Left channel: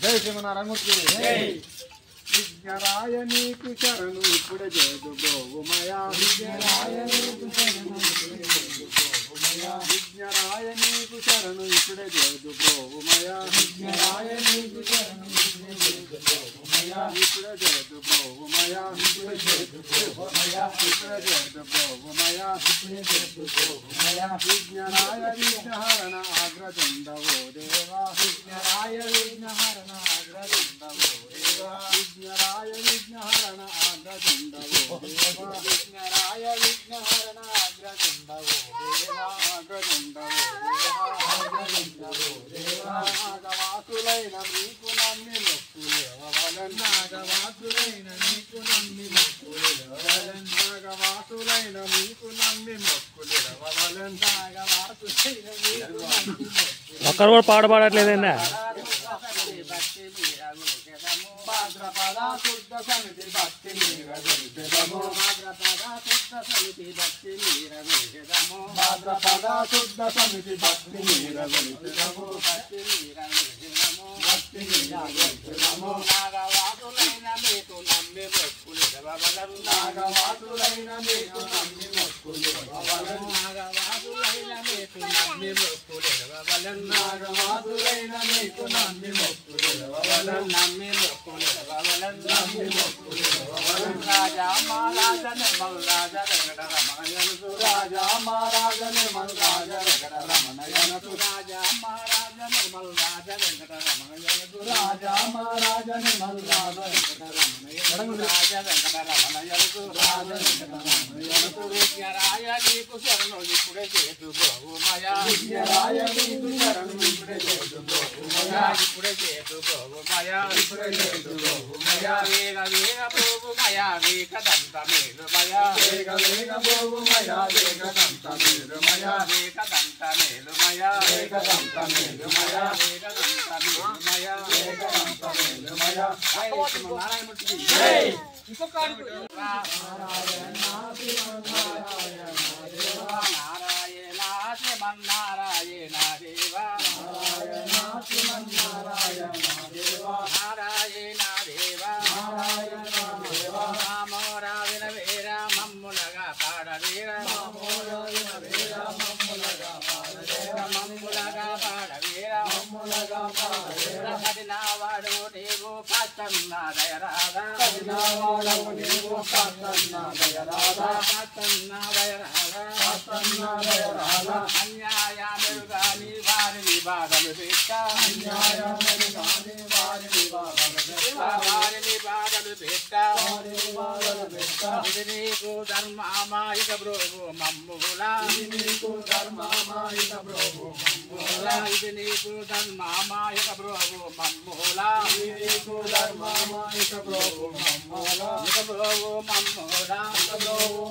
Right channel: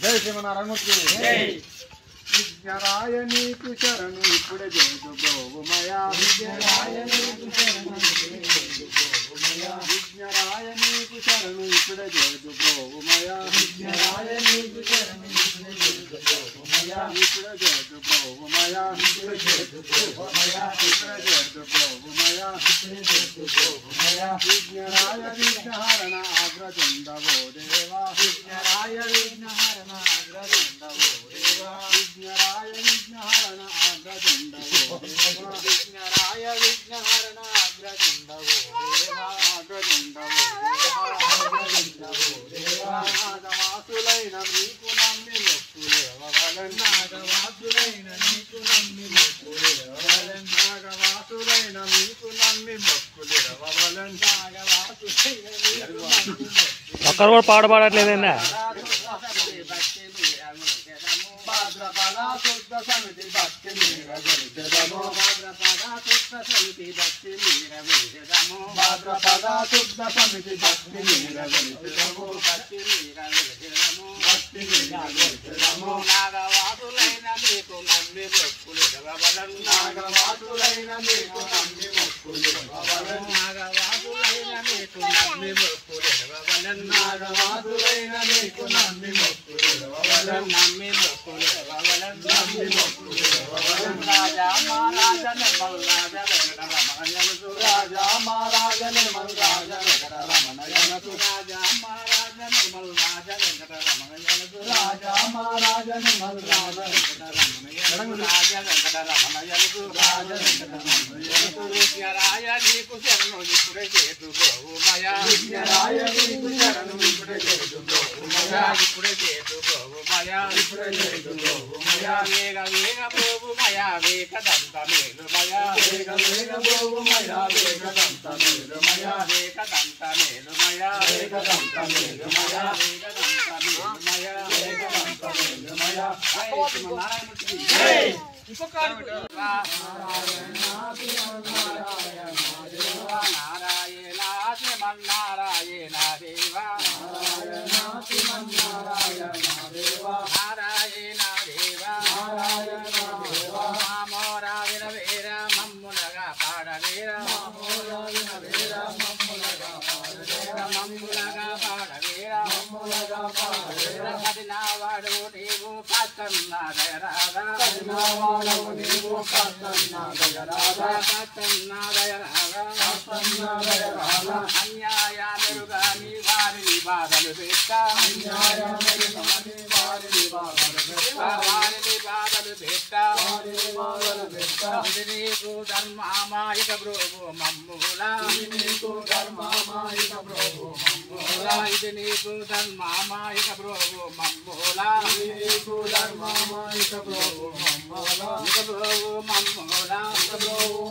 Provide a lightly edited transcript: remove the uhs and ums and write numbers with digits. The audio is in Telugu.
జై శ్రీమన్నారాయణమూర్తి విజ్ఞరాయ నీకు శరణు ఇప్పుడే జయదు బ్రోవుమయా విజ్ఞరాయ నీకు శరణు ఇప్పుడే జయదు బ్రోవుమయా విజ్ఞరాయ నీకు శరణు ఇప్పుడే జయదు బ్రోవుమయా ఇప్పుడే జయదు బ్రోవుమయా విజ్ఞరాయ విఘ్నహరణ అగ్రజండవో దేవా విజ్ఞరాయ విఘ్నహరణ అగ్రజండవో దేవా విజ్ఞరాయ విఘ్నహరణ అగ్రజండవో దేవా విజ్ఞరాయ విఘ్నహరణ అగ్రజండవో దేవా అగ్రజండవో దేవా నాగవాసులైన మీకు నమ్మి మొక్కులేవలన్ నాగవాసులైన మీకు నమ్మి మొక్కులేవలన్ నాగవాసులైన మీకు నమ్మి మొక్కులేవలన్ నాగవాసులైన మీకు నమ్మి ఒక్కరు కూడా పాడబడట్లేదండి భాద్రపద శుద్ధ సమితి భక్తి మీరగలిపెదము భాద్రపద శుద్ధ సమితి భక్తి మీరగలిపెదము భాద్రపద శుద్ధ సమితి భక్తి మీరగలిపెదము భక్తి మీరగలిపెదము భక్తి మీరగలిపెదము నాగవాసులైన మీకు నమ్మి మొక్కులేవలన్ నాగవాసులైన మీకు నమ్మి మొక్కులేవలన్ నాగవాసులైన మీకు నమ్మి మొక్కులేవలన్ నాగవాసులైన మీకు నమ్మి మొక్కులేవలన్ నమ్మి మొక్కులేవలన్ నమ్మి మొక్కులేవలన్ రాజా మహారాజ నిర్మల్ రాజ వెంకట రమణయనుసు రాజా మహారాజ నిర్మల్ రాజ వెంకట రమణయనుసు రాజా మహారాజ నిర్మల్ రాజ వెంకట రమణయనుసు రాజా మహారాజ నిర్మల్ రాజ వెంకట రమణయనుసు రాజ వెంకట రమణయనుసు రాజ వెంకట రమణయనుసు విజ్ఞరాయ నీకు శరణు ఇప్పుడే చేతు బ్రోవుమయా విజ్ఞరాయ నీకు శరణు ఇప్పుడే చేతు బ్రోవుమయా ఇప్పుడే చేతు బ్రోవుమయా ఇప్పుడే చేతు బ్రోవుమయా వేగ వేగ బ్రోవుమయా వేగదంత మేలుమయా వేగ వేగ బ్రోవుమయా వేగదంత మేలుమయా వేగదంత మేలుమయా వేగదంత మేలుమయా వేగదంత మేలుమయా వేగదంత మేలుమయా జై శ్రీమన్నారాయణమూర్తికి జై ఇంకొక నారాయణ శ్రీమన్నారాయణ దేవా నారాయణ దేవా మామోరావిన వీర మమ్ములగా పాడవీర మామోరావిన వీర మమ్ములగా పాడవీర మమ్ములగా పాడవీర మమ్ములగా పాడవీర కదినావాడు నీవు పత్తన్నాదయరాధా కదినావాడు నీవు పత్తన్నాదయరాధా పత్తన్నాదయరాధా పత్తన్నాదయరాధా అన్యాయమురుగాని వారి బాధలు పెట్ట అన్యాయమురుగాని వారి బాధలు పెట్ట ఇది నీకు ధర్మామాయిక బ్రోవు మమ్ములా ఇది నీకు ధర్మామాయిక బ్రోవు మమ్ములా ఇది నీకు ధర్మామాయిక బ్రోవు మమ్ములా ఇది నీకు ధర్మామాయిక బ్రోవు మమ్ములా ఇక బ్రోవు మమ్ములా ఇక బ్రోవు